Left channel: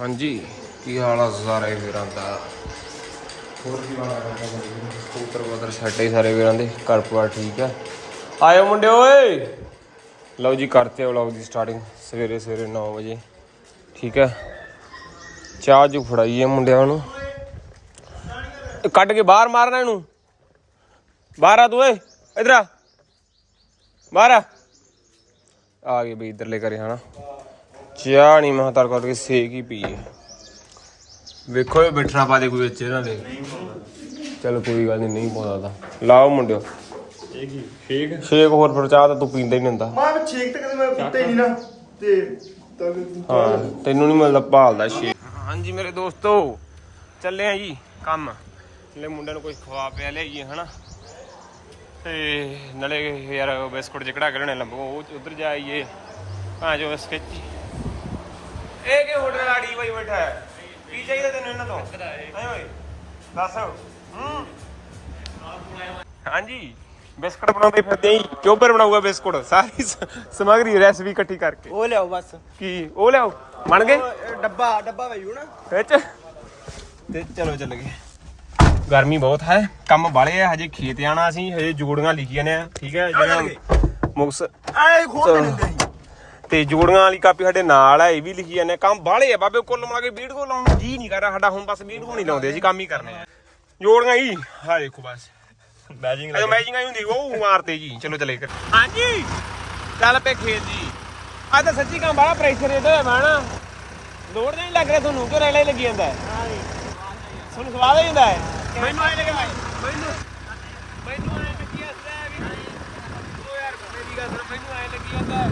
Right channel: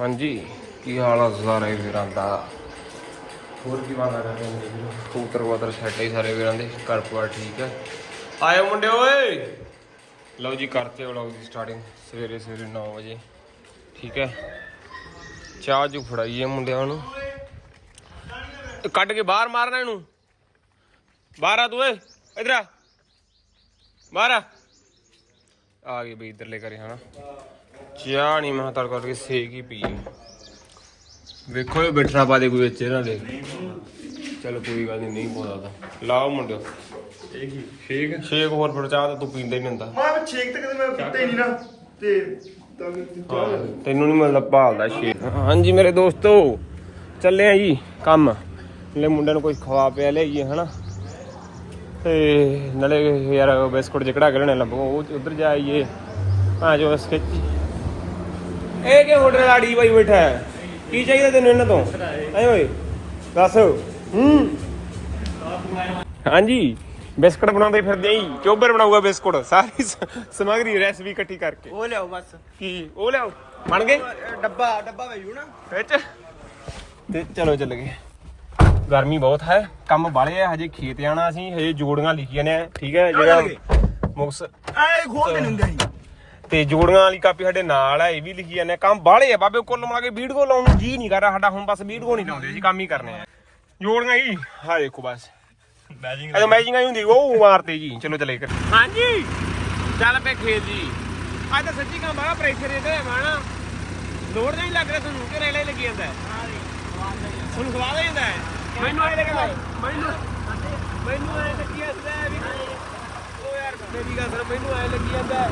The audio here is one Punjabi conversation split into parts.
ਹਾਂਜੀ, ਕੀ ਹਾਲ ਆ ਸਾਰੇ ਵੀਰਾਂ ਦਾ? ਹੋਰ ਕੀ ਬਾਤ ਹੈ ਸੂਪਰ ਮਦਰ ਸਾਡੇ ਸਾਰੇ ਵੀਰਾਂ ਦੇ, ਘਰ ਪਰਿਵਾਰ ਠੀਕ ਹੈ ਆਇਓ ਮੁੰਡੇ ਓਏ! ਲਓ ਜੀ, ਕਰਤੇ ਵਲੌਗ ਦੀ ਸਟਾਰਟਿੰਗ ਸਵੇਰੇ ਸਵੇਰੇ 9 ਵਜੇ, ਠੀਕ ਹੈ ਚਾਹ ਜੂ ਫੜਾਈਏ ਮੁੰਡਿਆਂ ਨੂੰ। ਕੱਢ ਕੇ ਬਾਹਰ ਮਾਰਨਾ ਇਹਨੂੰ। ਬਾਹਰ ਆ ਤੂੰ ਓਏ, ਇਧਰ ਆ। ਬਾਹਰ ਆ। ਆ ਗਏ ਬਈ, ਇਧਰਲੇ ਕਰੇ ਹਨਾ? ਚਾਹ ਨਹੀਂ ਮੈਂ ਤਰ ਕਰਕੇ ਸੇਕ ਹੀ ਪੀਏ। ਵੇਖੋ ਇਹ ਬਿਠਾ ਪਾ ਦੇ ਕੋਈ ਵਿੱਚ ਇਹਨਾਂ ਦੇ ਚਲ ਕੋਈ ਗੱਲ ਨਹੀਂ ਨਹੀਂ ਪਾਉਂਦਾ ਤਾਂ। ਲਾਓ ਮੁੰਡਿਓ। ਠੀਕ ਸ਼ੇਕ ਹੋਰ ਫਿਰ ਚਾਹ ਤਾਂ ਤੂੰ ਪੀਂਦਾ ਹੀ ਨਹੀਂ ਹੁੰਦਾ। ਮਾਂ ਛੇਕ ਤੇ ਕਦੇ ਮੈਂ ਪੀਤਾ ਹੀ ਨਹੀਂ ਨਾ। ਤੇ ਤਾਂ ਹਾਂ ਤੈਨੂੰ ਨਹੀਂ ਮਿਲਦਾ ਭਾਲਦਾ ਸ਼ੇਕ। ਹਾਂਜੀ ਮੇਰੇ ਦੋਸਤੋ ਚੱਲੇ ਆ ਜੀ ਕੰਮ। ਲੈ ਮੁੰਡਿਆਂ ਨੂੰ ਕੋਈ ਖਵਾ ਪਿਆ ਲਿਆਈਏ ਹਨਾ। ਤੇ ਨਾਲੇ ਯਾਰ ਬਿਸਕੁਟ ਜਿਕੜਾ ਕਰਨੇ ਲੱਭੋ। ਉਹ ਉਧਰ ਜਾਈਏ ਹਾਂ ਜੋ ਸਕਿੱਚ ਇਹ ਕਿ ਹੋਟਲ ਆੜੀ ਬਾਈ ਬੈਠਾ ਹੈ? ਕੀ ਚਾਹੀਦਾ ਤੈਨੂੰ ਇਹਨਾਂ ਤੋਂ? ਆਏ ਓਏ ਦੱਸ। ਹੂੰ। ਹਾਂਜੀ ਬਿਸਕੁਟ ਬਣਾਉਂਦੇ ਫਿਰਦੇ ਆਂ ਚੋਬਰ ਬਣਾਊਗਾ ਬਿਸਕੁਟ। ਸਾਰੀ ਸਮੱਗਰੀ ਰੈਸਪੀ ਇਕੱਠੀ ਕਰਕੇ। ਉਹ ਲਿਆਓ ਬਸ। ਕੀ? ਉਹ ਲਿਆਓ। ਬਣ ਗਏ? ਡੱਬਾ ਡੱਬਾ ਭਈਓ ਨਾ। ਵਿੱਚ ਤੇ ਚਲੋ ਚੱਲ ਗਏ। ਗਰਮੀ ਬਹੁਤ ਹੈ। ਕੰਮ ਬਾਲੇ ਆ ਹਜੇ ਖੇਤ ਜਾਣਾ ਅਸੀਂ ਹਜੇ ਜੋੜੀਆਂ ਲਿਖੀਆਂ ਨੇ ਠੀਕ ਹੈ ਜਿਹੜਾ ਮੁਕਸ ਐ ਖੋਲ ਕੇ ਲੈਂਦੇ ਸੀ ਤੇ ਜੋੜੀਆਂ ਵਾਲੀ ਕਾਪੀ ਸਾਡੇ ਨਾਲ ਆ ਇਹ ਵੀ ਲਿਖੀ ਜਾਂਦੇ ਕੰਮ ਬਾਲੇ ਆ ਬਾਬੇ ਕੁੱਲ ਮਿਲਾ ਕੇ ਵੀਡੀਓ ਲਾਉਣ ਨੂੰ ਜੀ ਨਹੀਂ ਕਰ ਰਿਹਾ ਸਾਡਾ ਹੁਣ ਬਸ ਵੀਡੀਓ ਨਹੀਂ ਲਾਉਂਦੇ ਅਸੀਂ ਕੰਮ ਹੀ ਕਰਨੇ ਆ। ਜੋੜੀਆਂ ਹੀ ਹਾਂ ਦੇਖੋ ਬਸ। ਮੈਜਿੰਗ ਅਜੇ ਮੈਚਿੰਗ ਆਈ ਹੁੰਦੀ ਉਹ ਮਾਰਤੇ ਜੀ। ਚਲੋ ਚਲੇ ਕਰ ਹਾਂਜੀ। ਚੱਲ ਪਏ ਖੇਤ ਜੀ। ਆ ਤਾਂ ਸੱਚੀ ਕੰਮ ਬੜਾ ਪ੍ਰੈਸ਼ਰ ਇਹਦੇ ਹੋਇਆ ਬਾਣਾ ਲੋੜ ਨਹੀਂ ਲੱਗ ਰਿਹਾ ਤੁਹਾਨੂੰ ਕਿ ਰੈਲਾ ਹੀ ਲੱਗੀ ਜਾਂਦਾ ਹੈ? ਤੁਹਾਨੂੰ ਸਵਾਦ ਹੈ? ਮੈਨੂੰ ਆਏ ਲੱਗਦਾ ਮੈਨੂੰ ਮੈਨੂੰ ਆਏ ਲੱਗੀ ਜਾਂਦਾ ਹੈ ਮੈਨੂੰ ਆਏ ਲੱਗੀ ਜਾਂਦਾ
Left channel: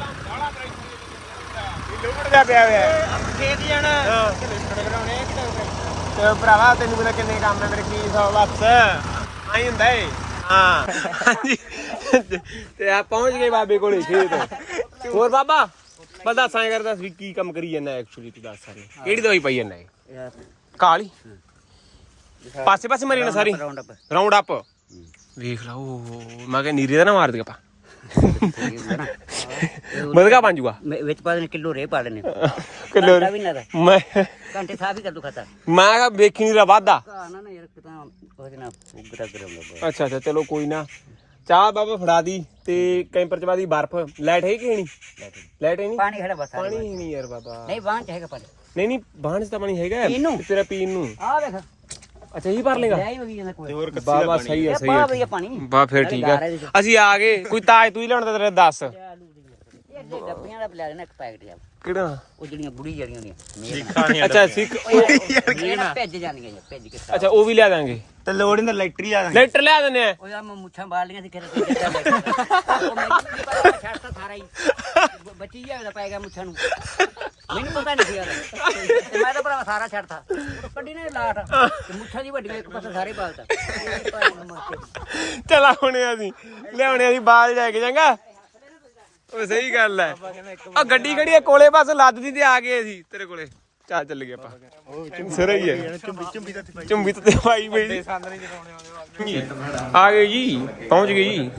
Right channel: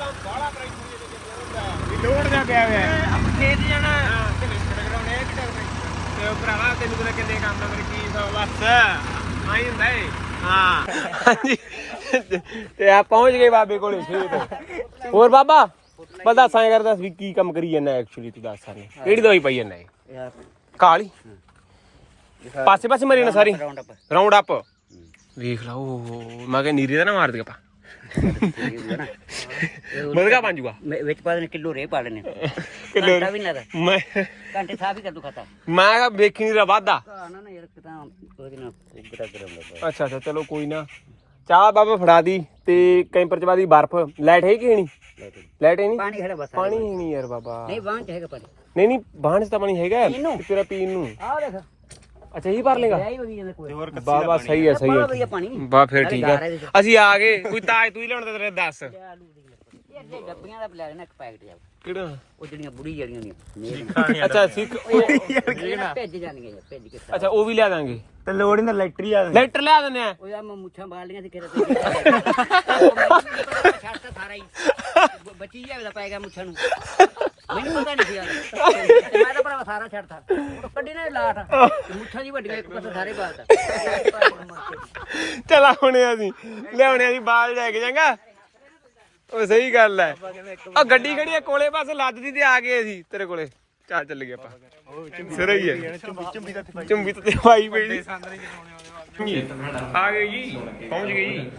ਹੈ ਇਹ ਕੰਮ ਬੜਾ ਪ੍ਰੈਸ਼ਰ ਲੋੜ ਦਾ ਪਿਆ ਹੋਇਆ ਹੈ। ਖੇਤ ਜਾਣਾ ਤੇ ਲਿਸਟ ਕਰਾਉਣੇ ਆ ਕਿਤੇ ਹੋਵੇ ਤੇ ਭਰਾਵਾ ਤੈਨੂੰ ਪਤਾ ਕਿੰਨੇ ਕੰਮ ਹੈ ਮੇਰੇ ਕੀ ਸੌ ਬਸ ਆਈ ਹੁੰਦਾ ਏ। ਹਾਂ। ਹਾਂਜੀ। ਤੇ ਆ ਪਹੁੰਚ ਗਏ ਬਾਬੇ ਕੋਲੇ ਖੇਤ। ਹੋਰ ਬਾਬਾ ਬਸ ਦੱਸ ਐਂ ਕਰਦਾ ਵੀ ਕੀ ਕੰਮ ਕਰੀ ਜਾਂਦਾ ਐਕਚੁਅਲੀ ਤੂੰ ਦੱਸ ਸਾਨੂੰ ਕਿਹੜੀ ਦਵਾਈ ਪਾਈ ਜਾਂਦਾ ਏ ਕਾਲੀ। ਪਾਸੇ ਪਾਸੇ ਮਰੀ ਨਾ ਸਾਰੀ। ਰਾਉਂਡ ਅਪ ਵੇਖ ਲਾ ਉਹ। ਮੈਂ ਕਿਹਾ ਨੀਰੇ ਦਾ ਨਾ ਮਾਰ ਦੇ ਆਪਾਂ। ਬਦਗਾ ਬਣ ਜੂਗਾ? ਮੈਂ ਵਿੱਚ ਪਾ ਦੇਣੇ ਕਿਲੋ ਰੇ ਪਾ ਲੈਣੇ ਕਿਲੋ ਵੀ ਨਾ ਰਹਿ। ਮੈਂ ਘੰਟੇ ਸਾਫ਼ ਹੀ ਕਰ ਦੋ ਖਾਤਾ। ਮੈਂ ਕਿਹਾ ਵੇਖੀ ਨਹੀਂ ਰਾ ਵਾਦਾ ਕਾ ਨਾ ਨਾ ਯਾਰ ਕਿਤਾ ਉਹਦੇ ਨਾਲ ਉਗਰਾ ਗਰਮ ਲੱਗਾ। ਅੱਛਾ ਅੱਛਾ ਚਲੋ ਕੋਈ ਨਾ। ਚਾਹ ਬਾਬਾ ਫੜਾ ਦੀ ਤੇ ਕੈਂਪਰ ਚ ਬਾਦੀ ਬਰਫ। ਲਾਈਟ ਹੈ ਕਿ ਨਹੀਂ? ਲਾਈਟ ਹੈ ਨਹੀਂ ਪਾਣੀ ਖੜਾ ਬਸ ਪਾਣੀ ਨਹੀਂ ਯਾਰ ਬਾਬਾ। ਨਹੀਂ ਬਾਂਹ ਚ ਹੈਗਾ ਪਾਣੀ। ਨਹੀਂ ਨਹੀਂ ਬਾਹਣ ਚ ਤਾਂ ਪਾਣੀ ਹੈਗਾ। ਤੇਰਾ ਪੀਣ ਨੂੰ। ਆ ਦੇਖ ਅੱਛਾ ਇਹੀ ਭਰ ਲੇਗਾ ਬਾਬਾ ਸਹੀ ਹੈ। ਸਹੀ ਹੈ। ਬਾ ਫਿਰ ਠੀਕ ਹੈ। ਅਸੀਂ ਆ ਗਏ। ਕੋਈ ਤਾਜ ਤੂੰ ਹੀ ਲੈਣ ਤੇ ਤੇਰੇ ਦੱਸ। ਆਲੂ ਦੀ ਇਹ ਦੇ ਡੱਬੀਆਂ ਦਾ ਲਿਆ ਦੇਣਾ ਇੱਕ ਪੈਕਟ ਜਾ ਕਿਹੜਾ? ਉਹ ਜਿਹੜੀਆਂ ਬੁੜੀ ਜਿਹੜੀਆਂ ਨੇ। ਅੱਛਾ ਸਿੱਖ ਉਹ- ਇਹ ਭੇਜ ਜਾਣਗੇ ਜੀ ਭੇਜ ਕੇ ਅੱਛਾ ਉਹ ਵੀ ਲਿਆ ਦਾਂਗੇ। ਤੇ ਲੋੜ ਨਹੀਂ ਇਲੈਕਟਰੀ ਆ ਲੈਟਰ ਲਿਆ ਦਿੰਦੇ ਆ। ਉਹ ਆ ਮੈਂ ਮੁੱਛਾਂ ਬਾਲ ਲੀਆਂ ਸੀ ਕਿਤੇ ਛੱਡਤਾ ਸਾਰਾ ਹੀ। ਬੱਚੀ ਜਾਵੇ ਪੈ ਗਿਆ ਮੁੱਛਾਂ ਨੂੰ। ਮੈਨੂੰ ਪਤਾ ਨਹੀਂ ਸੀ ਯਾਰ ਤੇ ਮੈਂ ਤਾਂ ਬੜਾ ਸਾਰਾ ਛੱਡਤਾ ਉਹ ਕੱਢੀ ਨੇ ਲਾਟ। ਤੇ ਮੁੱਛਾਂ ਦੀ ਵੱਡੀਆਂ ਇੱਕ ਪਾਸੇ ਸਾਰੇ ਬਾਲਤਾ ਚਲਾ ਹੁਣੇ ਅਸੀਂ। ਲਿਆਉਣੇ ਅਸੀਂ ਬਾਲ ਲੈ ਕੇ ਜਾਂਗਾ ਉਹ ਸਹੀ ਗੱਲ ਹੈ ਉਹ ਗੱਡੀ ਖੜੀ ਹੈ ਕੋਲੇ ਬਸ ਲੱਦਦੀ ਤੇ ਆ ਗਏ ਅਸੀਂ, ਤੇਰੇ ਕੋਲੇ। ਚੱਲ ਚੱਲ ਗਏ ਆਪਾਂ। ਸਿਰ ਹੀ ਹੈ ਚੁੰਬੀ ਤੇ ਭਾਈ ਬਈ ਆ ਗਏ ਜੀ, ਪਹੁੰਚ ਗਏ ਜੀ।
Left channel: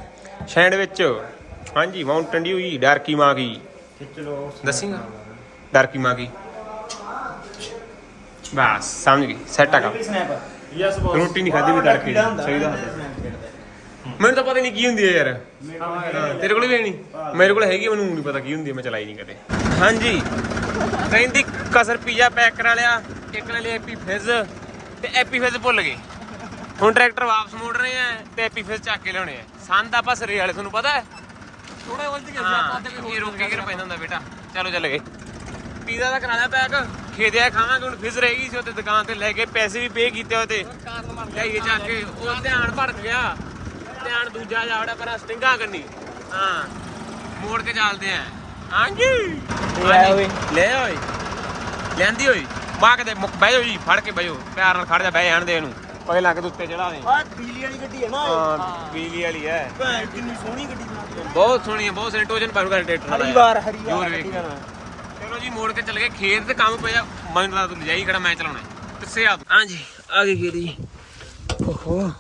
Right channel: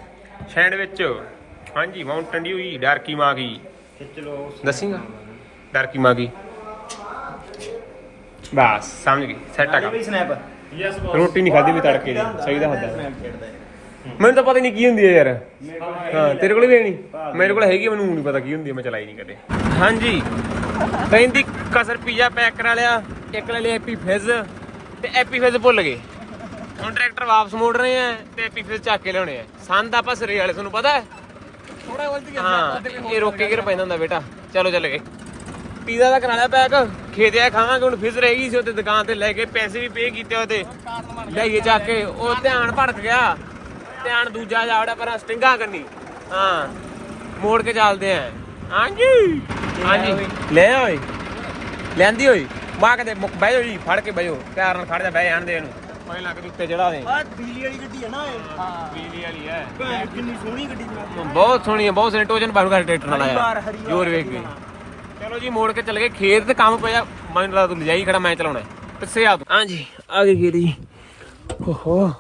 ਸੈਂਡਵਿਚ ਹਾਂਜੀ ਮਾਊਂਟਨ ਡਿਊ ਜੀ ਡਾਰਕੀ ਮਾਂ ਕੀ ਦੱਸੀਂਗਾ, ਡਾਰਕੀ ਮਾਂ ਕੀ ਬਸ, ਸਮਝ ਗਈ ਸੈੱਟ ਆ ਕੰਮ। ਰੋਟੀ ਨਹੀਂ ਖਾਦੀ ਵੀ ਤੜਕੇ ਦੀ, ਸਹੀ ਦੱਸਦਾ। ਮੈਨੂੰ ਤਾਂ ਪਤਾ ਨਹੀਂ ਕੀ ਹੁੰਦੀ ਹੈ ਯਾਰ। ਹਾਂ ਤੇਰੇ ਕੋਲ ਵੀ ਹੈ ਨਹੀਂ। ਮੇਰੇ ਕੋਲ ਹੈਗੀ ਮੈਨੂੰ ਨਹੀਂ ਪਤਾ ਕੀ ਹੁੰਦੀ ਹੈ ਮੈਂ ਚਲਾਈ ਨਹੀਂ ਕਦੇ। ਹਾਂਜੀ। ਕਹਿੰਦੀ ਕਸਰ ਪੀਜ਼ਾ ਪੈਕ ਕਰਾ ਲਿਆ ਇੱਕ ਲੈ ਲਿਆ ਐਪੀ ਫਿਜ਼ ਤੇ ਐਪੀ ਫਿਜ਼ ਭੁੱਲ ਗਏ। ਹੁਣ ਟਰੈਕਟਰ ਵਾਪਸ ਮੋੜ ਰਹੇ ਆ ਤੇ ਐਪੀ ਫਿਜ਼ ਚੱਕ ਕੇ ਲਿਆਉਣੇ ਆ। ਸੰਦ ਆਪਾਂ ਸਰੇ ਵਾਲੇ ਤੁਹਾਨੂੰ ਪਤਾ ਹੈ? ਹਾਂ ਇਹ ਰੋਕੇ ਕੇ ਪੈਂਦਾ ਹੁੰਦਾ ਬੇਟਾ? ਚਲੋ ਚੱਲ ਗਏ। ਪੀਜ਼ਾ ਦਾ ਕਰਾ ਲਿਆ ਪੈਕ। ਖੇਦਿਆ ਖਾਵਾਂਗੇ ਹੁਣ ਫਿਜ਼ ਰਹਿ ਗਈ ਸੀ ਉੱਤੇ ਦੁਕਾਨ ਤੇ ਲੈ ਕੇ ਪੈਸੇ ਵੀ ਪੇ ਕੀਤੇ ਹੋਏ ਤੇ ਲਿਆਈਏ ਚੱਕ ਕੇ ਉਹ ਧਿਆਨ ਭੜਕ ਗਿਆ। ਧਿਆਨ ਦੂਜਾ ਜਾਵੜਾ ਪਰ ਸਟਿੰਗਾ ਕਰਨੀ ਹਾਂ ਮੋੜ ਕੇ ਚੱਲਦੇ ਆਂ। ਹਾਂਜੀ। ਹਾਂਜੀ। ਲੈ ਓਏ। ਲੈਂਦੀ ਓਏ। ਮਾਂ ਕਦੇ ਮੁੱਕ ਬਹਿ ਜਾਓ ਜੀ ਫੜ ਕੇ ਬਹਿ ਜਾਓ। ਪਿਆਰ ਨਾਲ ਖੜ ਜਾ ਬਹਿ ਜਾਣ ਦੇ ਇਹਨੂੰ। ਪਗੇ ਲਾ ਕੇ ਉੱਤੇ ਚੜਾ ਦੇ। ਆ ਬਿਜਲੀ ਵਾਲੀ ਗੱਡੀ ਹੈ ਨਾ ਹਾਂ ਬਿਜਲੀ ਵਾਲੀ ਹੈ। ਇਹ ਕਿੰਨੀ ਸੋਹਣੀ ਗੱਡੀ ਚਲਾਉਂਦੀ ਹੈ ਬਹੁਤ ਸੋਹਣੀ ਹੈ ਬਹੁਤ ਸੋਹਣੀ। ਟੋਜਨ ਬਾਹਰ ਕਰ ਟਰੈਕਟਰ ਨਾਲ ਹਰੀਵਾਰ ਹਰੀਵਾਰ ਜੋਰ ਵੇਖ ਚਲੋ ਜੀ ਮੋੜ ਕੇ ਚੱਲ ਗਏ। ਖੇਤ ਤੇ ਕੰਮ ਪਿਆ। ਮੈਨੂੰ ਲੱਗਦਾ ਤੂੰ ਲਿਜਾਈ ਖੜਾ ਮੈਂ ਚਲਾਉਣਾ ਦੱਸੇ ਆ ਤੂੰ। ਹਾਂਜੀ ਆ ਗਏ ਜੀ। ਓਹੋ।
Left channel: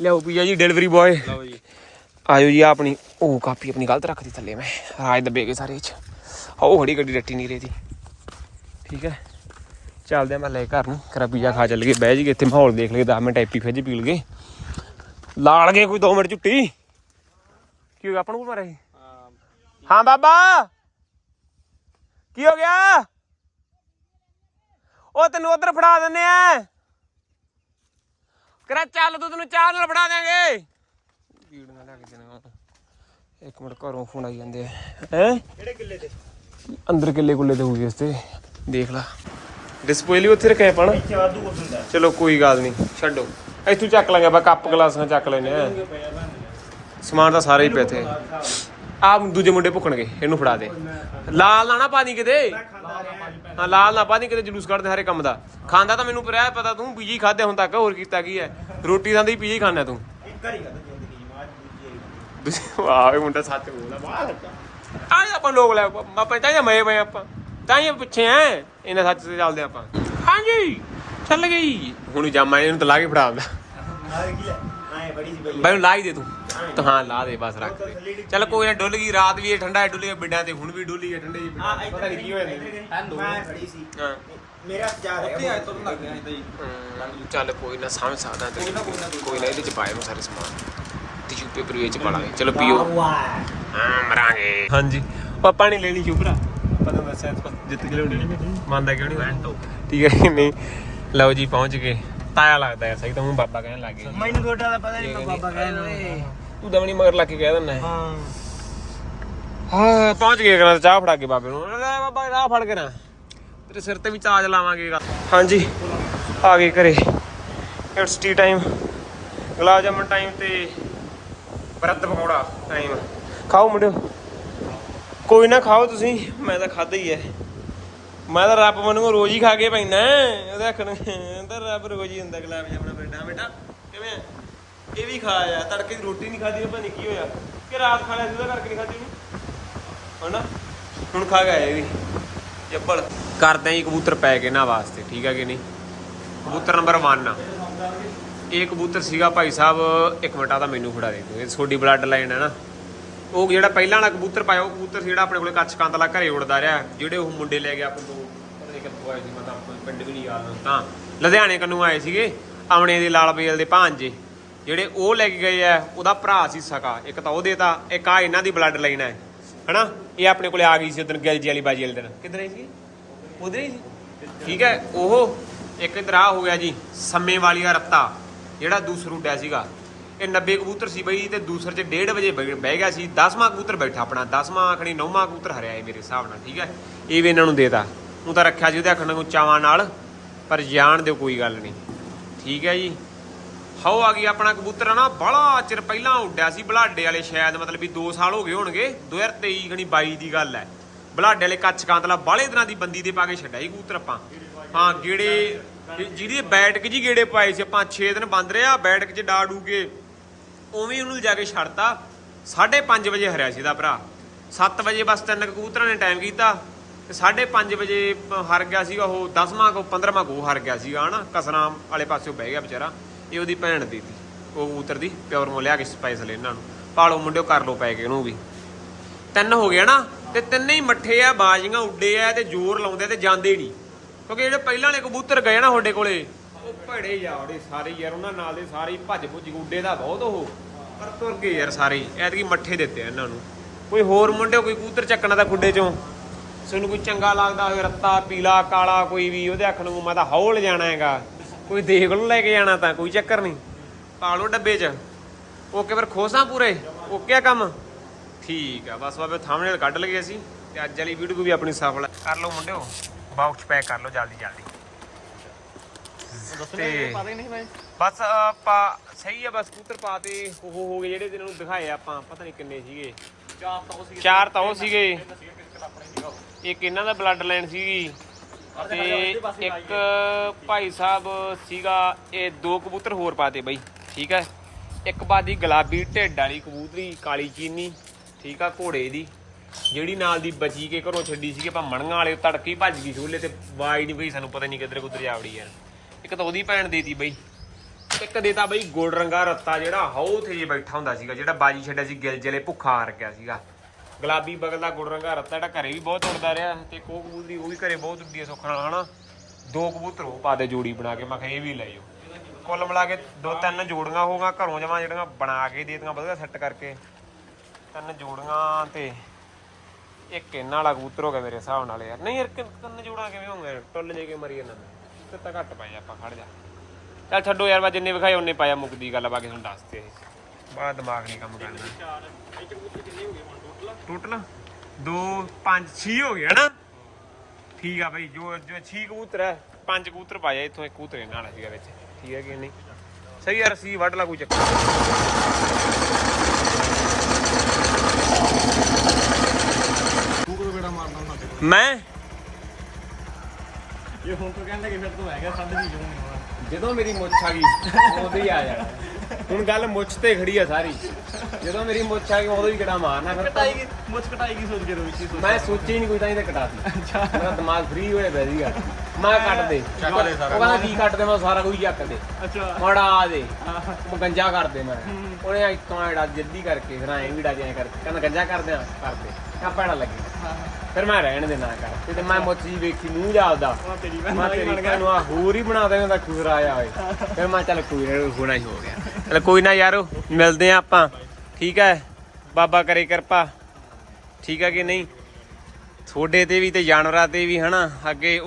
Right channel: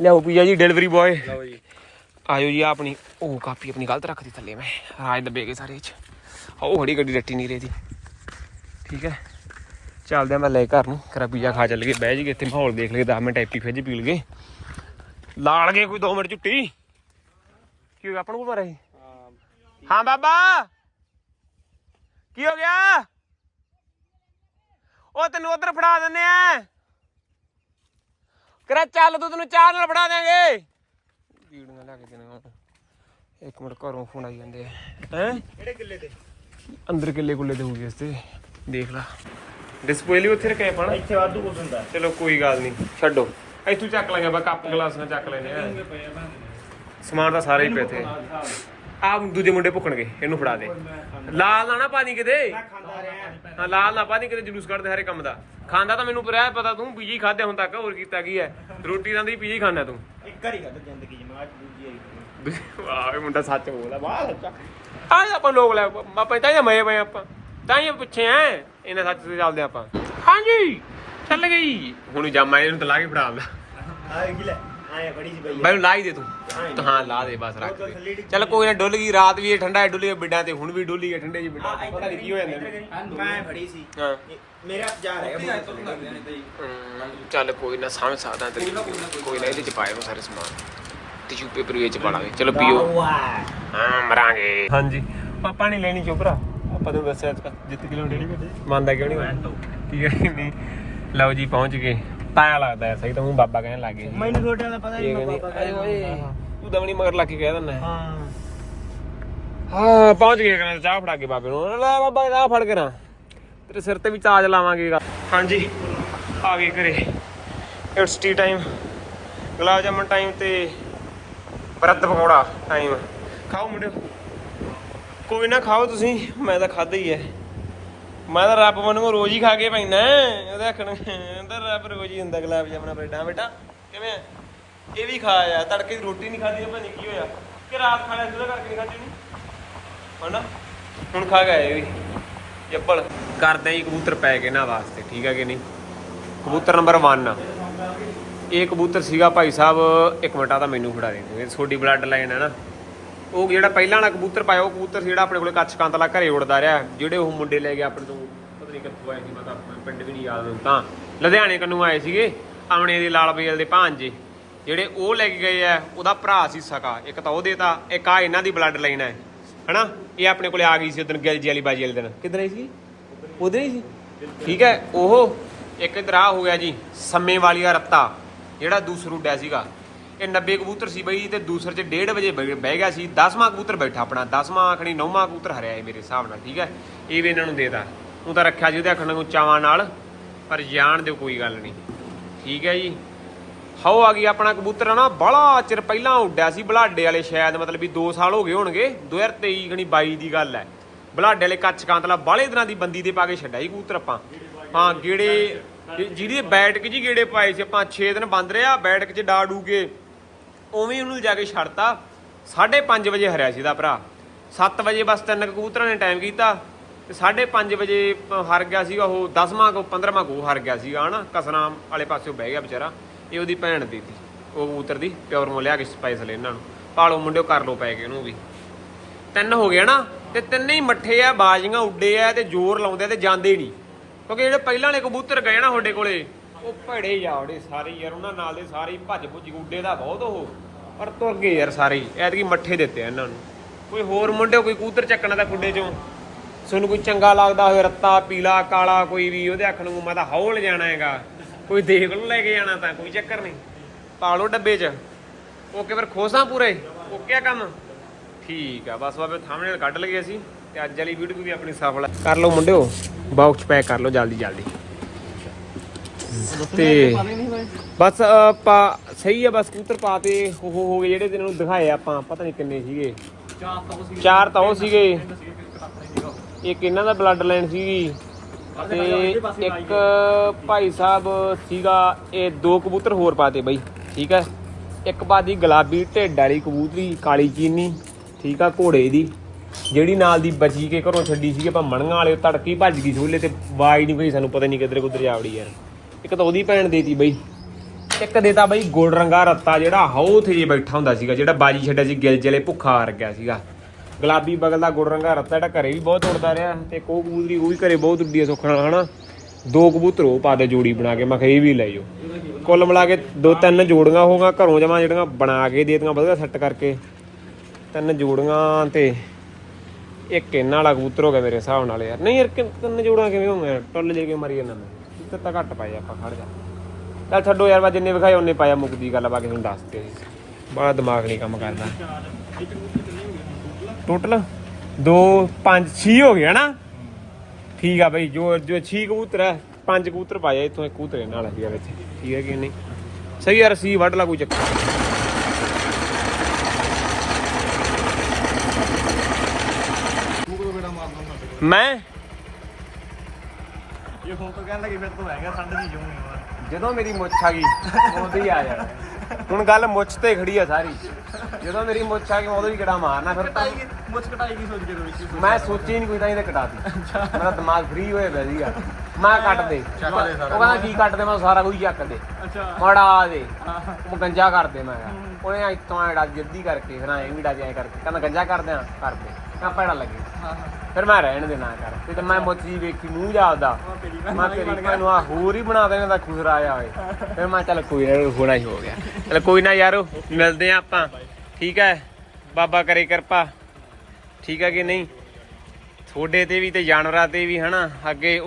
ਲਿਆਓ ਪੀਆ ਜੀ ਡਿਲੀਵਰੀ ਬॉय ਲਓ ਜੀ। ਆਇਓ ਜੀ ਆਹ ਆਪਣੀ ਉਹ ਕਾਪੀ ਆਪਣੀ ਗਲਤ ਰੱਖਦੀ ਥੱਲੇ ਮੈਂ। ਰਾਜ ਦੱਬੇ ਗਏ ਸਾਰੇ ਚ ਉਹ ਖੜੀ ਗੱਡੀ ਰੱਟੀ ਨਹੀਂ ਰਹੀ ਠੀਕ ਹੈ। ਚੱਲਦੇ ਆ ਮੈਂ ਲੈ ਘਰ ਨੂੰ। ਕਰਾ ਪੀਜ਼ਾ ਖਾ ਚੱਲ ਗਏ ਬਹਿ ਜੀ ਇੱਥੇ ਮਾਹੌਲ ਦੇਖ ਲਈਏ 10 ਮਿੰਟ ਐਪੀ ਫਿੱਜ ਪੀ ਲਗੇ ਲਾਲ ਗਏ ਕੋਈ 2 ਮਿੰਟ ਝੁੱਟੀ ਕੀ ਹੋ ਗਿਆ? ਆਪਾਂ ਨੂੰ ਮਾਰੇ ਹਾਂ। ਬਾਬਾ। ਕੀ ਹੋ ਗਿਆ? ਉਹ ਤੈਨੂੰ ਉਧਰ ਫੜਾ ਦਿੰਨੇ ਆ। ਕਰਾ ਚੱਲ ਤੂੰ ਤੈਨੂੰ ਚਾਹ ਨਾਲ ਫੜਾ ਦੇਾਂਗੇ ਵੀਡੀਓ ਲੈ ਕੇ ਦੇਣਾ ਇੱਕ ਮਿੰਟ ਘਰੋਂ ਫੋਨ ਆਈ ਜਾਂਦੇ ਆ। ਹੈ? ਕਿਹੜੇ ਕਿੱਲੇ ਤੇ? ਅੰਦਰ ਕਿੱਲੇ ਕੁੱਲੇ ਤੇ ਇਸ ਤੇ। ਦੇਖ ਲਾ। ਡਿਸਪਲੇ ਲਈ ਉੱਥੇ ਰੱਖਿਆ ਪਾਣਾ ਇੱਥੇ ਵਾਧੂ ਕੁਝ ਹੁੰਦਾ। ਚਲੋ ਕੋਈ ਗੱਲ ਨਹੀਂ ਛੱਡੋ। ਇੱਥੋਂ ਚੱਕ ਲਾਂਗੇ ਬਾ ਕੱਪ ਗਲਾਸਾਂ ਚੱਕ ਲੈਨੇ ਆ। ਸਮਾਨ ਤਾਂ ਸਾਰੇ ਹੀ ਪਿਆ ਇੱਥੇ। ਆ ਦੂਜੇ ਮੁੰਡੇ ਭੁੱਕਣਗੇ ਇਹਨੂੰ ਫੜਾ ਦੇ। ਲਾਲ ਨਾ ਨਾ ਪਾਣੀ ਕਿਤੇ? ਖਾਂਦਾ ਰਿਹਾ। ਹਾਂ ਲਾਲ ਨਾ ਪਾਣੀ ਕਿਤੇ ਜਲੂਸ ਕੱਢਦੇ ਹਰੇ ਕੰਮ ਦਾ। ਖਾਂਦਾ ਤਾਂ ਮੈਨੂੰ ਪਰਿਆ ਪਤਾ ਤੂੰ ਪੀਜੀ ਖਾਦੇ ਹੁਣ ਤੱਕ ਹੋਰ ਕੀਤਾ ਕੀ ਹੈ? ਰੋਟੀ ਦਾ ਦੀ ਪੀਜੀ ਖਾਣਾ ਤੂੰ। ਇੱਕ ਵਾਰੀ ਖਾਦਾ ਜ਼ਿੰਦਗੀ 'ਚ ਮੈਂ ਅੱਜ ਦੂਜੀ ਵਾਰੀ ਵਾਹ ਇਹ ਮੁੰਡਾ ਸੱਚ ਬੋਲਦਾ ਬਾਹਰ ਸੱਚਾ। ਤਾਂ ਹੀ ਆਪਾਂ ਲੋਕ ਲੈ ਆਪਾਂ ਤਾਂ ਹੀ ਮਏ ਪਏ ਆਪਾਂ। ਤਾਂ ਹੀ ਪਿੱਛੇ ਐ ਇਹਨਾਂ ਸੱਚ ਤੇ ਚੱਲਦੇ ਆਪਾਂ। ਹਾਂਜੀ ਚੱਲ ਗਈ। ਹੁਣ ਜਾਮਾ ਇਹਨੂੰ ਤਾਂ ਲਾ ਕੇ ਫੜਾ ਦਿੰਦਾ। ਆਹ ਕੀ ਲੈ। ਆਏ ਬੜੀ ਸੀ ਬਈ। ਬਾਈ ਨੂੰ ਲਾ ਹੀ ਦੇ ਤੂੰ। ਤਾਂ ਹਾਂ ਲਾ ਦੇ ਬਸ ਰੱਖ ਦੇ। ਚੱਲ ਕੋਈ ਨਾ ਡੁੱਲ ਗਈ ਰਾਤ ਵੀ ਇਹ ਠੰਡਾ ਹੈ ਡੁੱਲੀ ਬਿੱਡਾਂ ਤੇ ਹੁਣ ਵੀ ਡੁੱਲੀ ਹੈ ਠੰਡੇ ਜੀ ਬਿੱਡਾਂ ਤੇ। ਪਤਾ ਨਹੀਂ ਕੀ ਹੋ ਜਾਂਦਾ। ਮੈਂ ਫੜੀ ਸੀ। ਹਾਂ। ਮੇਰੇ ਹੱਥ ਜਾ ਰਿਹਾ ਚੱਲ ਕੋਈ ਨਾ ਸਮਝ ਸਕਦਾ ਤੇਰੀ ਕੋਈ ਨਾ ਇਹਦੇ ਚ ਪਾਏ ਨੂੰ ਸਾਰੇ ਸਮਾਨ। ਟਿਸ਼ੂ ਪੇਪਰ ਵਿੱਚ ਪਾ ਲਾਂਗੇ। ਚਲੋ ਪੀਓ। ਹਾਂ ਮਰਾਂਗੇ। ਹਾਂਜੀ। ਪਾਪਾ ਨਹੀਂ ਲੈਣੀ ਸ਼ੁਭਰਾ ਆਪਾਂ ਤੁਹਾਨੂੰ ਦੱਸਿਆ ਜਿੱਤ ਕੇ ਲਿਆਉਣੀ। ਮੰਨਦਾ ਕਿਉਂ ਨਹੀਂ ਠੀਕ ਹੈ ਨਹੀਂ। ਲਓ ਜੀ ਪਹੁੰਚ ਗਏ। ਤਾਇਆ ਲੱਗਦਾ ਹੈ ਸਹੀ ਤਾਂ ਉਹ ਬਾਬਾ ਕਹਿਣ ਲੱਗ ਮੈਨੂੰ ਤੁਹਾਡਾ ਦਾ ਪਤਾ ਨਹੀਂ ਬਾਬਾ ਤੂੰ ਦਮਣੀ ਮਗਰ ਲੱਗ ਕੇ ਕਹਿ ਦਿੰਦਾ ਹੈ। ਹਾਂ। ਹਾਂ ਪਹੁੰਚ ਗਏ ਕਰਾਂ ਚਾਹ ਫੜਾ ਕੇ ਬਾਬੇ ਨੂੰ। ਲੈ ਬਾਬਾ ਚਾਹ ਫੜ ਕੇ ਨਾ। ਤੇਰੇ ਸਿਰ ਤੇ ਵੀ ਤਾਜ ਲਾਵਾਂਗੇ। ਹਾਂਜੀ ਆ ਗਏ ਘਰੇ। It's tea time gulab jamun time ਤੇ ਬਰਦ ਪਕੌੜਾ ਟਾਈਮ ਖਾਓ ਮੁੰਡਿਓ। ਕੋਈ ਨਾ ਖਾਓ ਤੁਸੀਂ ਮੈਂ ਤਾਂ ਖਾਦਾ ਹੀ ਐ ਮੈਂ ਤਾਂ ਰੱਬ ਮੈਨੂੰ ਰੋਜ਼ ਹੀ ਖਾ ਕੇ ਪੈਂਦਾ, ਉਹਦੇ ਆਖਣ ਤਾਂ ਰੱਬ ਰੋਜ਼ ਹੀ ਹੁੰਦਾ ਗੁਲਾਬ ਜਾਮਨਾ ਬੇਟਾ ਬੇਟਾ। ਕਿਵੇਂ ਇਹ ਵੀ ਖਾਇਆ ਤੜਕੇ ਦੀ ਰੋਟੀ ਨਹੀਂ ਖਾਦੀ ਪਤਾ ਨਹੀਂ ਕੀ ਹੋਇਆ। ਕਿ ਰਾਤ ਖਾ ਲਿਆ ਸੀ, ਉਹਦਾ ਕਰਕੇ ਨਹੀਂ ਖਾਦੀ ਨੂੰ ਹਨਾ? ਹੁਣ ਖਾ ਗਿਆ ਇਹ ਵੀ। ਜੱਬਲ ਕਰਦੇ ਆਂ ਕਬੂਤਰ ਪੈ ਗਏ ਨਾ ਵਾਸਤੇ, ਠੀਕ ਹੈ ਕਿ ਨਹੀਂ? ਕਬੂਤਰ ਨੰਬਰ 1 ਇਹ ਕਬੂਤਰ ਸੀਗਾ ਭਾਈ ਸਾਹਿਬ, ਇੱਕ ਮਿੰਟ ਆ ਤਾਂ ਮੈਨੂੰ ਫੜਾ ਦੇ ਤੂੰ। ਇਹ ਛੋਟੀ ਬਲੱਡ ਲਾਈਨ ਹੈ ਨਾ। ਉਹ ਜਿਹੜਾ ਪਹਿਲਾਂ ਵਾਲਾ ਕਬੂਤਰ ਪਾਇਆ, ਉਹ ਕਬੂਤਰ ਸੀ ਜਿਹੜਾ ਆਪਣੇ ਕੋਲੇ ਕੱਚ ਕਾਂਤਲਾ ਘਰੇ ਉੜਦਾ ਰਿਹਾ। ਜਿਹੜੇ ਉਹ ਮੁੰਡੇ ਲੈ ਗਏ ਆਪਣੇ ਤੋਂ ਪਤਾ ਨਹੀਂ ਕਿੱਥੋਂ ਆਏ ਸੀ, ਮੈਂ ਤਾਂ ਆਪਣਾ ਪਿੰਡ ਵੀ ਨਹੀਂ ਯਾਦ ਤਾਂ ਲੁਧਿਆਣੇ ਕੰਨੂ ਆਏ ਸੀਗੇ, ਆਮਣੇ ਦੇ ਲਾਲ ਬੇਲ ਦੇ ਭਾਂਜੇ। ਜਿਹੜੇ ਉਹ ਲੈ ਕੇ ਗਏ ਆ, ਉਹਦਾ ਭਰਾ ਸੀ ਸਕਾ। ਇੱਕ ਤਾਂ ਉਹ ਦੇਤਾ, ਇੱਕ ਆ ਇਹਨਾਂ ਦੀ ਬਲੱਡ ਲਾਈਨ ਹੈ ਹਨਾ? ਇਹ ਆਪਣੇ ਕੋਲੇ ਆ ਗਈ ਸੀ ਉਦੋਂ ਗਿਲਜੀ ਵਾਲੀ ਬਾਜੀ ਵਾਲੇ ਦਿਨ। ਕਿੱਧਰ ਆਈ ਸੀ ਉਧਰ ਹੀ ਸੀ? ਠੀਕ ਹੈ, ਉਹ ਇੱਕ ਇਧਰ ਆ ਹੋ ਗਿਆ ਜੀ ਸੰਮੇ ਵਾਲੀਆ ਰੱਤਾ ਜਿਹੜਾ ਦੂਸਰ ਉੱਡਿਆ ਸੀਗਾ। ਇਹ 90 ਕਬੂਤਰ ਸੀ ਬਈ ਤੇ ਦੂਸਰੇ ਚ 1:30 ਵਜੇ ਬਹਿ ਗਿਆ ਸੀ। 10ਵਾਂ ਕਬੂਤਰ ਬੈਠਾ ਆਪਣਾ। 10ਵਾਂ ਆਖਣੀ 9ਵਾਂ ਕਬੂਤਰ ਹਰਿਆ ਇਹ ਮੇਰੇ ਹਿਸਾਬ ਨਾਲ, ਠੀਕ ਹੈ? ਇਹ ਵੀ ਇਹਨਾਂ ਨੂੰ ਦੇਤਾ। ਉਹ ਤਾਂ ਰੱਖਿਆ ਸੀ ਉਹਦੇ ਆਖਣ ਨੂੰ ਚਾਵਾਂ ਨਾਲ, ਪਰ ਜਾਣ ਦਿਓ, ਕੋਈ ਗੱਲ ਨਹੀਂ। ਠੀਕ ਹੈ ਜੀ? ਹਾਓ, ਆ ਗਈ ਆਪਣਾ ਕਬੂਤਰ ਨਾ ਬੜਾ ਚਿਰ ਪਹਿਲਾਂ ਉੱਡਿਆ ਸੀ ਬਲਾਡੇ ਵਾਲੇ ਸ਼ਾਇਦ, ਮਤਲਬ ਵੀ 2 ਸਾਲ ਹੋ ਗਏ ਹੋਣਗੇ। 2023 ਖਣੀ 22 ਦੀ ਗੱਲ ਹੈ। ਬਲਾਡੇ ਵਾਲੇ ਕੱਚ ਕਾਂਤਲਾ ਬਾਲੇ ਦਿਨਾਂ ਦੀ ਬੰਦੀ ਦੇ ਪਾ ਕੇ ਛੱਡਿਆ ਜੀ ਕਬੂਤਰ ਆਪਾਂ। ਹਾਂ, ਗੇੜੇ ਜਿ- ਜਿਹਦੀ ਬੈਠਕ ਜੀ ਗੇੜੇ ਪਾਏ ਸੀ, ਆਪਾਂ 6 ਦਿਨ ਬੰਦ ਰਿਹਾ ਬੈਠਕ 'ਚ ਡਾ ਡੂ ਕੇ ਉਵੇਂ ਉਹਨੂੰ ਜਾ ਕੇ ਛੱਡਤਾ। 5:30 ਵਜੇ ਹਰਿਆ ਸੀ ਦਾ ਭਰਾ। 7 ਵਜੇ ਬਸ ਤਿੰਨ ਕਬੂਤਰਾਂ ਨੇ ਟਾਈਮ ਕੀਤਾ। ਤੇ 5:30 ਵਜੇ ਹਰ ਗਿਆ ਸੀਗਾ ਉਹ 10ਵਾਂ ਕੋ 15ਵਾਂ ਕੋ ਹਰ ਗਿਆ ਸੀਗਾ, ਹਨਾ? ਕਸਨਾ ਵਾਲੇ ਪਾਸਿਓਂ ਬਹਿ ਗਿਆ ਵਿਚਾਰਾ। ਇਹ ਉਹਦੀ ਭੈਣ ਦੀ ਤੀ ਉਹ ਕਬੂਤਰ ਦੀ, ਪਿਓਰ ਮੋ ਲਿਆ ਕੇ ਸਪਾਈਸ ਲੈ ਇਹਨਾਂ ਨੂੰ। ਪਾਲੋ ਮੁੰਡਿਓ, ਕਰ ਲੋ ਪੈ ਗਏ ਉਹਨੂੰ ਵੀ। ਤਿੰਨ ਹੋ ਗਏ ਨਾ, ਤੇ ਤਿੰਨੇ ਹੀ ਮੱਠੇ ਆ, ਬਾਜੀਆਂ ਉੱਡੇ ਆ ਤੇ ਜ਼ੋਰ ਲਾਉਂਦੇ ਆ ਤੇ ਜਾਂਦੇ ਨਹੀਂ। ਕਿਉਂਕਿ ਜਿਹੜੇ ਪਹਿਲਾਂ ਵਾਲੇ ਕਬੂਤਰ ਗਏ ਨਾ ਤੁਹਾਡੇ ਕੋਲੇ, ਉਹ ਭੜੇ ਜਾਵੜੇ ਸਾਰੇ ਯਾਰ, ਉਹਨਾਂ ਨਾਲ ਦੇ ਸਾਰੇ ਭੱਜ ਭੁੱਜ ਕੇ ਉੱਡੇ ਦਾ ਬਹੁਤ ਉਹ। ਪਰ ਤੁਰ ਗਏ ਯਾਰ ਸਾਰੇ ਹੀ। ਐਤਕੀ ਮੱਠੇ ਦਿੱਤੇ ਆ ਇਹਨਾਂ ਨੂੰ। ਕੋਈ ਹੋਰ ਮੁੰਡੇ, ਕੋਈ ਕਬੂਤਰ ਚੱਕਣਾ ਤਾਂ ਖੁੱਡੇ ਚੋਂ। ਤੁਹਾਨੂੰ ਕੋਈ ਚੰਗਾ ਲੱਗਦਾ ਹੋਵੇ, ਰੱਤਾ, ਪੀਲਾ, ਕਾਲਾ, ਕੋਈ ਵੀ, ਉਹਦੇ ਅੱਖ ਨੂੰ ਮੈਂ ਤਾਂ ਹੌਲ ਜਾਣਾ ਹੈਗਾ। ਕੋਈ ਦੇਖ ਲਓ, ਲੈ ਕੇ ਜਾਣਾ ਤਾਂ, ਕੋਈ ਚੱਕਰ ਨਹੀਂ। ਪਾ ਲਓ ਡੱਬੇ 'ਚ। ਓਕੇ, ਫਿਰ ਖੋਸਾਂ ਪੂਰੇ। ਓਕੇ ਆ ਕੰਮ। ਠੀਕ ਆ, ਬਸ ਬਾਬੇ ਥੰਬਨੇਲ ਕੱਢ ਲਗੇ ਅਸੀਂ। ਤੇ ਅੱਜ ਵਾਲੀ ਵੀਡੀਓ ਵੀ ਆਪਣੀ ਸਫਲ ਹੈ ਕਰ ਲਓ ਮੁੰਡਿਓ। ਬਾਕਸ ਪੈਕ ਕਰ ਲਓ, ਜਲਦੀ ਜਲਦੀ। ਤੇ ਬਸ ਪਾ ਸਹੀ ਆ, ਬਸ ਕਬੂਤਰ ਪਾਤੇ ਉਹ ਹੋ ਗਏ ਜਿਹੜੇ ਜਿਹਨਾਂ ਨੂੰ ਦਿਖਾਏ ਆਪਾਂ, ਪਤਾ ਨਹੀਂ ਕਿੰਨੇ ਸੀਗੇ। ਚਾਰ ਤਾਂ ਉਹ ਸੀਗੇ। ਇੱਕ ਇਹਨਾਂ ਦਾ ਬਲੱਡ ਲਾਈਨ ਸੀਗੀ ਤੇ ਇੱਕ ਭਾਈ ਸਾਹਿਬ ਸੀਗਾ, ਇਹ ਦੋ ਕਬੂਤਰ ਹੋਰ ਪਾਤੇ ਬਈ, ਠੀਕ ਹੈ ਇੱਕ ਪਾਤੀ ਗੁਲਾਬੀ ਢਿੱਡ ਵਾਲੀ ਕਬੂਤਰੀ, ਕਾਲੀ ਚੀਨੀ, ਠੀਕ ਆ, ਘੋੜੇ ਦੀ, ਜਿਹੜੀ ਨਾਲ ਦੀ ਬਚੀ ਕੇ ਘਰੋਂ ਛੱਡੀ ਸੀਗੀ, ਆਪਾਂ ਮਣੀਆਂ ਵਾਲੇ ਉਹ ਤੜਕੀ ਭੱਜ ਗਈ ਛੋਲੇ ਤੇ ਆਵਾਜ਼ ਨਹੀਂ ਪਈ ਸਾਨੂੰ, ਪਤਾ ਨਹੀਂ ਕਿੱਧਰ ਕੁੱਧਰ ਜਾ ਜਾਵੜੀ ਯਾਰ। ਇੱਕ ਤਾਂ ਉਹਦੀ ਭੈਣ ਦੇਤੀ ਬਈ। ਇੱਕ ਦੇਤਾ ਬਈ ਗੋਲ ਰੰਗਾ ਰੱਤਾ ਜਿਹੜਾ ਹਾਉ ਤੇ ਜੇ ਬੈਠਾ ਹੁੰਦਾ ਸੀਗਾ, ਜਿਹੜਾ ਬਾਜੀ ਛੱਡਿਆ ਸੀ, ਗਿਲ ਚਲੇ ਭੁੱਖਾ ਹਾਰ ਗਿਆ ਸੀਗਾ। ਗੁਲਾਬੀ ਬਗਲ ਦਾ ਗੋਲ ਰੰਗਾ ਰੱਤਾ ਜਿਹੜਾ ਘਰੇ ਵੀ ਬਹੁਤ ਉੱਡਦਾ ਰਿਹਾ, ਤੇ ਕੋ ਕਬੂਤਰੀ ਉਹ ਵੀ ਘਰੇ ਬਹੁਤ ਉੱਡੀ ਹੈ ਸੁੱਖ ਨਾਲ, ਹਨਾ? ਦੋ ਕਬੂਤਰ ਉਹ ਪਾ ਦੇ ਜੋੜੀ ਬਣਾ ਕੇ, ਮੈਂ ਕਿਹਾ ਇਹ ਵੀ ਲੈ ਜਾਓ। ਕੁੱਲ ਮਿਲਾ ਕੇ ਦੋ ਤਿੰਨ ਜੋੜੀਆਂ ਹੋਗਾ ਘਰੋਂ ਜਮਾ ਜਿਹੜੀਆਂ ਬਣਾ ਕੇ ਦੇ ਦਿੱਤੀਆਂ, ਵਧੀਆ ਸੈੱਟ ਕਰਕੇ। ਤਿੰਨ ਜੋੜੀਆਂ ਤੇ ਇੱਕ ਇਹਨਾਂ ਵਾਲਾ ਕਬੂਤਰ ਹੋ ਗਿਆ ਮੇਰੇ ਹਿਸਾਬ ਨਾਲ ਯਾਰ। ਨਹੀਂ ਯਾਰ, ਤਿੰਨ ਜੋੜਾਂ ਕਿਵੇਂ ਹੋ ਹੋਣਗੇ ਟੁੱਲ ਜੇ ਕੇ ਮਰੀ ਜਾਂਦਾ ਮੈਂ ਇੱਥੇ ਤਾਂ ਘੱਟ ਪਾਏ ਆਪਾਂ ਫੜ ਜਾ। ਚੱਲ ਛੱਡੋ ਯਾਰ ਮੈਂ ਜਿੰਨੇ ਵਿਖਾਏ ਉਹਨੇ ਪਾਇਆ ਮੁੱਕਦੀ ਗੱਲ ਬਾਕੀ ਤੁਹਾਨੂੰ ਦੱਸ ਜੀ। ਬੜਾ ਦਿਮਾਗ ਨਹੀਂ ਕੰਮ ਕਰਦਾ। ਟੋਟਲ 2 5 6 ਹੋ ਗਿਆ ਨਾ ਠੀਕ ਆ ਬਈ ਜੋ ਜੋ 6 ਕਬੂਤਰ ਹੈ ਪੰਜ ਕਬੂਤਰ ਪਾਇਆ ਇੱਥੋਂ ਇੱਕ ਕਬੂਤਰ ਵਾਲਾ ਸੀਗਾ ਵਿੱਚ। ਠੀਕ ਹੈ ਕਿ ਨਹੀਂ? ਸਹੀ ਯਾਰ ਸੀ ਵੱਢ ਲਾ ਕੋਈ ਚੱਕਰ। ਤੂੰ ਮੈਂ ਇਹ ਹੁਣ ਤੋਂ ਕਹਿੰਦਾ ਕਿ ਫਿਰ ਤੋਂ ਹੈਗਾ ਸੰਦ ਜੀ ਜਾਊਂਗਾ ਜਦੋਂ ਮੇਰੀ ਮੁੱਛ ਆ ਗਈ ਉਦੋਂ ਹੀ ਆ ਜਾਣਾ ਹੁਣ ਗੱਲ ਮੁੱਛ ਤੇ ਖੜੀ ਆ ਸਾਰੀ। ਜਦੋਂ ਮੇਰੀ ਮੁੱਛ ਆ ਗਈ ਉਦੋਂ ਹੀ ਕਿਹੜਾ ਮਾਰਨਾ ਫਿਰ ਤਾਂ। ਮੁੱਛ ਕਟਾਈ ਕੀ ਸੋਚ ਕੇ ਵਿੱਚ ਹੀ ਮੈਂ ਸੋਚੀ ਨਹੀਂ ਕੋਈ ਤਾਂ ਇਹਦੇ ਕਟਾਤੀ। ਮੇਰਾ ਦਿਮਾਗ ਫ੍ਰੀ ਹੋਇਆ ਪਿਆ ਸੀਗਾ। ਮੈਂ ਕੱਟ ਦੇ। ਉਹ ਕਹਿੰਦਾ ਕੀ ਕੱਟ ਦੇ? ਮੈਂ ਸਾਰਾ ਕੁਝ ਚੱਕ ਦੇ। ਅੱਛਾ। ਮੜਾ ਦੇ। ਉਹ ਗੰਜਾ ਕਰ ਦੇ ਮੈਂ। ਉਹਨੇ ਇਤੋਂ ਐਡਾ ਜੱਦੀ ਕਰਕੇ ਫਿਰ ਐਂ ਵੀ ਡਾ ਐਂ ਕਰਕੇ। ਕਹਿੰਦਾ ਗੰਜਾ ਕਰ ਦਿਆਂ ਕਰ ਦੇ। ਕਾ ਪੈੜਾ ਲੱਗੇ। ਫਿਰ ਮੈਂ ਰਹਿਣ ਦੇ ਨਾ ਕਰ ਤੇ ਮੈਂ ਮੁੱਛੀ ਵੇਖੀ ਮੂੰਹ ਆਪਦਾ ਤੇਰੀ ਮੈਂ ਤੇਰੀ ਭੈਣ ਨੂੰ ਆ ਹੋਰ ਹੀ ਬਣਾ ਦੇਵਾਂ ਤਾਂ ਖੁਸਰਾ ਆਇਆ ਹੋਏ। ਫਿਰ ਮੈਂ ਚੱਲ ਕੋਈ ਨਾ ਹੋਣਾ ਹੀ ਹੋ ਗਿਆ। ਚੱਲ ਕੋਈ ਨਾ ਯਾਰੋ ਮਿਲਦੇ ਆ ਆਪਾਂ। ਠੀਕ ਹੈ? ਬਾਬਾ ਕਰੇ ਕਿਰਪਾ। ਠੀਕ ਹੈ ਕਿ ਨਹੀਂ? ਤੁਹਾਡੇ ਤੇ ਵੀ ਤੇ ਜਾਨਵਰਾਂ ਤੇ ਵੀ ਹਨਾ ਅੱਗੇ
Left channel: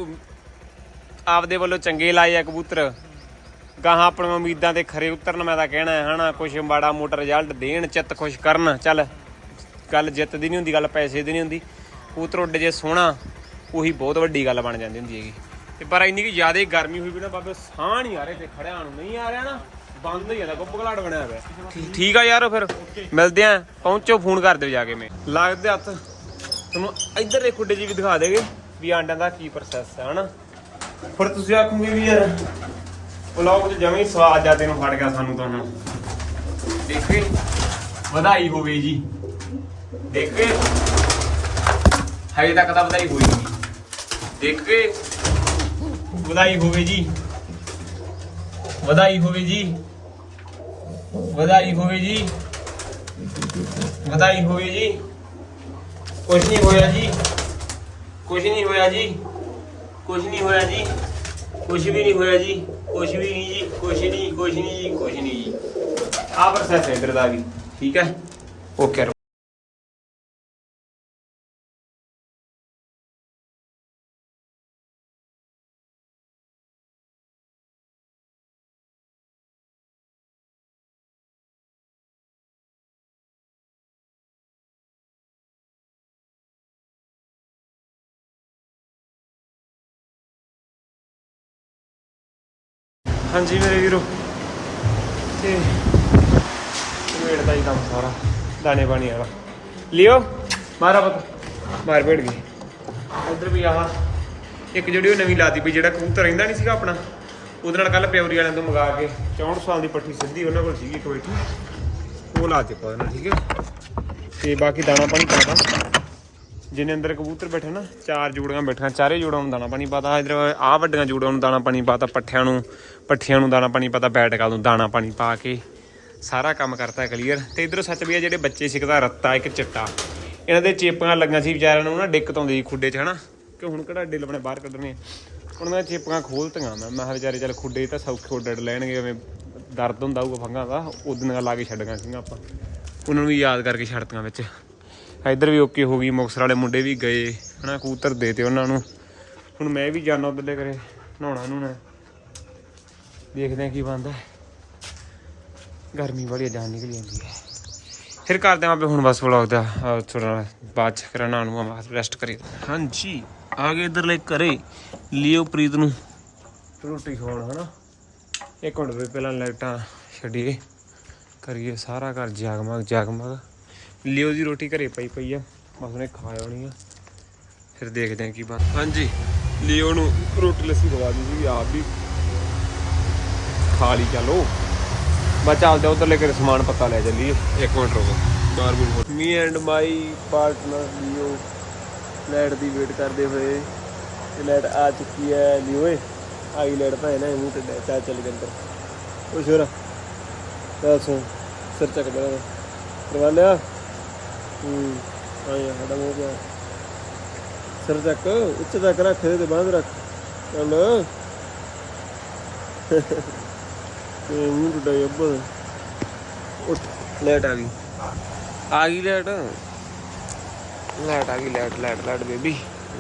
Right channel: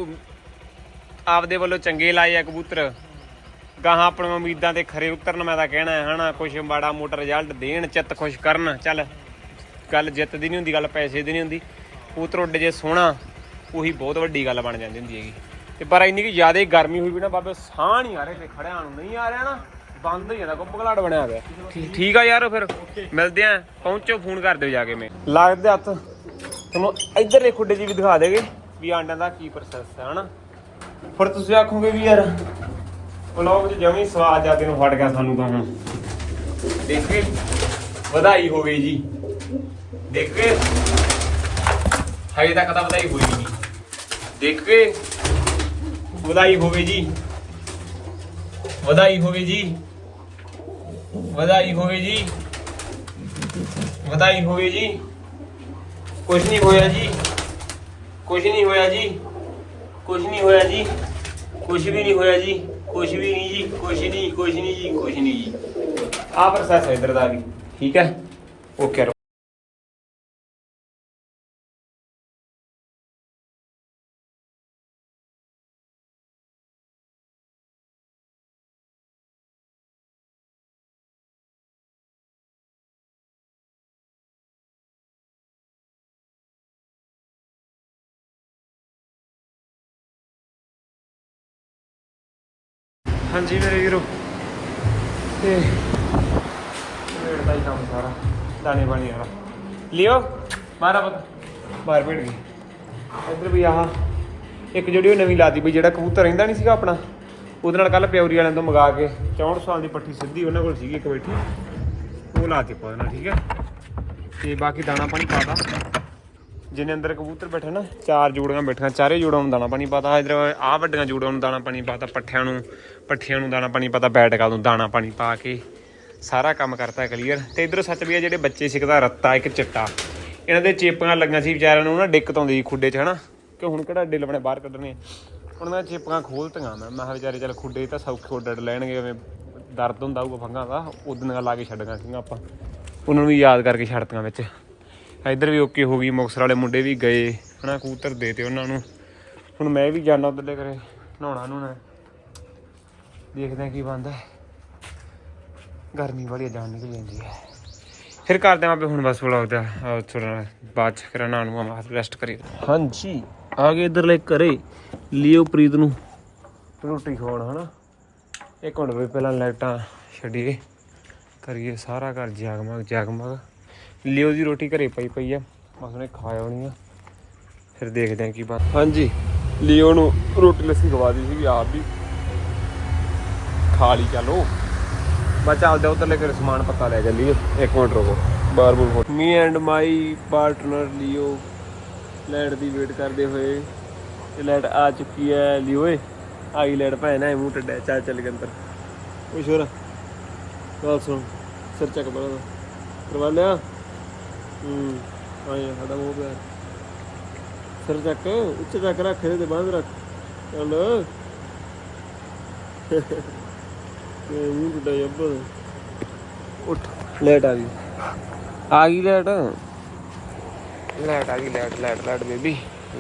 ਆਪਦੇ ਵੱਲੋਂ ਚੰਗੇ ਲਾਏ ਆ ਕਬੂਤਰ। ਗਾਹਾਂ ਆਪਣੀਆਂ ਉਮੀਦਾਂ ਤੇ ਖਰੇ ਉਤਰਨ ਮੈਂ ਤਾਂ ਕਹਿਣਾ ਹੈ ਹਨਾ ਕੁਝ ਮਾੜਾ ਮੋਟਾ ਰਿਜ਼ਲਟ ਦੇਣ ਚਿੱਤ ਖੁਸ਼ ਕਰਨ। ਚੱਲ ਗੱਲ ਜਿੱਤ ਦੀ ਨਹੀਂ ਹੁੰਦੀ ਗੱਲ ਪੈਸੇ ਦੀ ਨਹੀਂ ਹੁੰਦੀ। ਕਬੂਤਰ ਉੱਡ ਜੇ ਸੋਹਣਾ, ਉਹੀ ਬਹੁਤ ਵੱਡੀ ਗੱਲ ਬਣ ਜਾਂਦੀ ਹੁੰਦੀ ਹੈਗੀ। ਤੇ ਪਰ ਇੰਨੀ ਕਿ ਜ਼ਿਆਦਾ ਗਰਮੀ ਹੋਈ ਵੀ ਨਾ ਬਾਬੇ, ਸਾਹ ਨਹੀਂ ਆ ਰਹੇ ਤੇ ਖੜਿਆਂ ਨੂੰ ਨਹੀਂ ਆ ਰਿਹਾ ਨਾ, ਬੰਦ ਹੋ ਜਾਂਦਾ ਗੁੱਬ ਬਣਿਆ ਹੋਇਆ। ਠੀਕ- ਆ ਯਾਰ ਫਿਰ, ਮਿਲਦੇ ਆ, ਪਹੁੰਚੋ, ਫੋਨ ਕਰ ਦਿਓ ਜਾ ਕੇ ਮੈਂ। ਲੱਗਦੇ ਹੱਥ, ਤੁਹਾਨੂੰ ਇਧਰਲੇ ਖੁੱਡੇ ਜੀ ਵੀ ਦਿਖਾ ਦੇਗੇ ਵੀ ਆਂਡਿਆਂ ਦਾ ਕੀ ਪ੍ਰੋਸੈਸ ਹੈ, ਹਨਾ? ਫਿਰ ਤੁਸੀਂ ਆਖੋਗੇ ਵੀ ਯਾਰ ਵਲੌਗ ਤੇ ਜਮੀ ਸਵਾਦ ਜਿਆਦੇ ਨੂੰ ਫੜ ਗਿਆ ਸਾਨੂੰ ਤਾਂ ਹੁਣ। ਦੇਖੇ, ਵਧਾਈ ਹੋਵੇ ਜੀ। ਦੇਖ। ਕੇ ਹਜੇ ਤੱਕ ਤਾਂ ਵਧਾਈ ਹੋਈ ਨਹੀਂ ਦੇਖੇ ਵਧਾਈ ਹੋਵੇ ਜੀ ਵਧਾਈ ਹੋਵੇ ਜੀ ਵਧਾਈ ਹੋਵੇ ਜੀ ਵਧਾਈ ਹੋਵੇ ਜੀ ਕੁਛ ਨਹੀਂ ਹੋਇਆ ਜੀ ਕੁਛ ਨਹੀਂ ਹੋਇਆ ਜੀ ਕੁਛ ਨਹੀਂ ਹੋਇਆ ਜੀ ਕੁਛ ਵੀ ਨਹੀਂ ਹੋਇਆ ਜੀ ਕੁਛ ਵੀ ਨਹੀਂ ਜੀ ਕੁਛ ਨਹੀਂ ਕੁਛ ਨਹੀਂ ਜੀ ਕੁਛ ਨਹੀਂ ਜੀ ਆਹ ਪ੍ਰੋਸੈਸ ਹੈ ਇਧਰ ਦਾ ਵੀ ਠੀਕ ਹੈ ਓਕੇ ਹਾਂਜੀ ਮੇਰੇ ਵੀਰੋ। ਤੇ ਵੇੜ ਦਾ ਹੀ ਕੰਮ ਸਾਰਾ ਦਾਣੇ ਪਾਣੀ ਵਾਲਾ। ਲਿਓ ਮਾਰਾ ਪਤ। ਮਾਰ ਭੇੜ ਗਈ। ਇੱਧਰ ਵੀ ਆਹ ਇੱਕ ਜਿਹੜੀ ਉਹ ਨਵੀਂ ਲਾਤੀ ਵੀ ਜਿਹੜਾ ਕਬੂਤਰ ਰਹਿੰਦਾ ਨਹੀਂ ਸੀਗਾ ਆਪਣਾ ਉਹਦੇ ਨਾਲ ਕੱਲ ਪਿਉਰੀ ਵਾਲਿਆਂ ਤੋਂ ਮੰਗਾ ਕੇ 64 ਸਾਲ ਦੀ ਪੱਠੀ ਸਿੱਧੀ ਉਹਨਾਂ ਕੋਲ ਸੀਗੀ ਇੱਕ ਬੈਠੀ ਉਹ ਲਾਤੀ ਪਾ ਦੇਣਾ ਠੀਕ ਹੈ? ਤੇ ਬਾਕੀ ਦਾਣਾ ਪਾਣੀ ਪਾਦਾ ਜਿੰਨੇ ਅੰਦਰ ਕਬੂਤਰ ਬੈਠੇ ਨਾ, ਚਾਰ ਜੋੜੀਆਂ ਬੈਠੀਆਂ, ਚਾਰੇ ਜੋੜਾਂ ਨੂੰ ਦਾਣਾ ਪਾਣੀ ਪਾਤਾ ਇਧਰ ਆਹ ਵੱਡੀਆਂ ਜੋੜਾਂ ਨੂੰ ਦਾਣਾ ਪਾਣੀ ਪਾਤਾ, ਪੱਠਿਆਂ ਨੂੰ, ਪੱਠੀਆਂ ਨੂੰ ਦਾਣਾ ਪਾਣੀ ਪਾਤਾ ਬੈਟਕਾਂ ਨੂੰ ਦਾਣਾ ਪਾਣੀ ਪਾ ਕੇ ਸਾਰਾ ਕੰਮ ਕਰਤਾ ਕਲੀਅਰ। ਤੇ ਇਧਰ ਸੱਚ ਵੀ ਆ, ਜਿਹੜੇ ਬੱਚੇ ਸਿੱਖਦਾ, ਰੱਤਾ, ਇੱਕ ਚਿੱਟਾ। ਇਹਨਾਂ ਦੇ ਚੇਪਾਂ ਲੱਗੀਆਂ ਸੀ ਵਿਚਾਰਿਆਂ ਨੂੰ ਨਾ ਦਿੱਕਤ ਆਉਂਦੀ ਸੀ ਖੁੱਡੇ 'ਚ, ਹਨਾ? ਕਿ ਹੁਣ ਕਿਹੜਾ ਡਿੱਲ ਆਪਣੇ ਬਾਹਰ ਕੱਢਣੇ? ਹੁਣ ਮੈਂ ਚੇਪਾਂ ਖੋਲਤੀਆਂ ਮੈਂ ਮੈਂ ਕਿਹਾ ਵਿਚਾਰੇ, ਚੱਲ ਖੁੱਡੇ ਤਾਂ ਸੌਖੇ ਉੱਡ ਲੈਣਗੇ ਜਿਵੇਂ ਦਰਦ ਹੁੰਦਾ ਹੋਊਗਾ ਫੰਗਾ ਦਾ ਉਦੋਂ ਲਾ ਕੇ ਛੱਡਣਾ ਸੀਗੀਆਂ ਆਪਾਂ। ਉਹਨਾਂ ਨੂੰ ਯਾਦ ਕਰਕੇ ਛੱਡਤੀਆਂ ਵਿੱਚ। ਇੱਧਰ ਵੀ ਓਕੇ ਹੋ ਗਈ ਮੁਕਸਰ ਵਾਲੇ ਮੁੰਡੇ ਵੀ ਗਏ ਹਨਾ ਕਬੂਤਰ ਦੇ ਤੇ ਉਹਨਾਂ ਨੂੰ। ਹੁਣ ਮੈਂ ਵੀ ਜਾਣਾ ਉੱਧਰ ਦੇ ਕਰੇ ਨਹਾਉਣਾ ਨੂੰ ਨਾ ਦੇਖਦੇ ਆ ਕੀ ਬਣਦਾ। ਗਰਮੀ ਬੜੀ ਜਾਨ ਨਿਕਲ ਜਾਂਦੀ ਹੈ। ਫਿਰ ਕਰਦੇ ਆਂ ਆਪੇ ਹੁਣ ਬਸ ਵਲੌਗ ਦਾ ਥੋੜਾ ਬਾਅਦ ਚ ਫਿਰ ਨਹਾਉਣ ਨੂੰ ਆਵਾਂ ਰੈਸਟ ਕਰੀ ਹਾਂਜੀ ਆ ਗਏ ਇੱਧਰ ਲੈ ਘਰੇ ਲਿਓ ਪ੍ਰੀਤ ਨੂੰ। ਰੋਟੀ ਖਾਣ ਹਨਾ। ਇੱਕ ਮਿੰਟ ਵੀ ਪਹਿਲਾਂ ਲਾਈਟਾਂ ਛੱਡੀਏ। ਕਰੀਏ ਸਾਰਾ ਘਰ ਜਗਮਗ ਜਗਮਗ ਲਿਓ ਦੀ ਰੋਟੀ ਘਰੇ ਪਈ ਪਈ ਆ। ਬਸ ਉਹਨੇ ਖਾ ਆਉਣੀ ਆ। ਫਿਰ ਦੇਖਦੇ ਆ ਕੀ ਬਣ ਹਾਂਜੀ ਲਿਓ ਨੂੰ ਰੋਟੀ ਲੱਸੀ ਖਵਾ ਦੀ ਸੀ ਆਪ ਵੀ ਖਾ ਲਈ ਚਲੋ ਬਸ ਚੱਲਦੇ ਉਧਰ ਲੈ ਕੇ ਸਮਾਨ ਪਤਾ ਲੈ ਚੱਲੀਏ। ਇੱਕ ਮਿੰਟ ਰੁਕੋ ਬਾਰ ਬੁਰ me and my partner Leo light the wait ਕਰਦੇ ਹੋਏ। ਤੇ ਲਾਈਟ ਆ ਚੁੱਕੀ ਹੈ ਲਿਓ ਏ। ਆਈ ਲਾਈਟ ਭੈਣ ਹੈ ਮੂੰਹ ਟੱਡਾ ਚਾ ਚੱਲ ਕੇ ਅੰਦਰ। ਉਹ ਸ਼ੋਰਾ ਬਸ ਸੁਣ ਸਿਰ ਚੱਕ ਬੜਾ ਕਰਵਾ ਲਿਆ? ਹੂੰ ਆਇਆ ਸਾਡਾ ਮੂੰਹ ਪਿਆ। ਸਿਰ ਚੱਕ, ਉੱਚ ਚੱਕ ਰੱਖ, ਇਹਦੇ ਤੇ ਬਾਂਧ ਰੱਖ। ਚੱਲ। ਤੇ ਮੂੰਹ ਟੁੱਟਾ ਜੱਬਰ ਉੱਠ ਲੈਟ ਆ ਗਈ। ਆ ਗਈ ਲੈਟ ਲੈਟ ਆ ਗਈ ਲੈਟ ਲੈਟ ਲੈਟ ਬੇਬੀ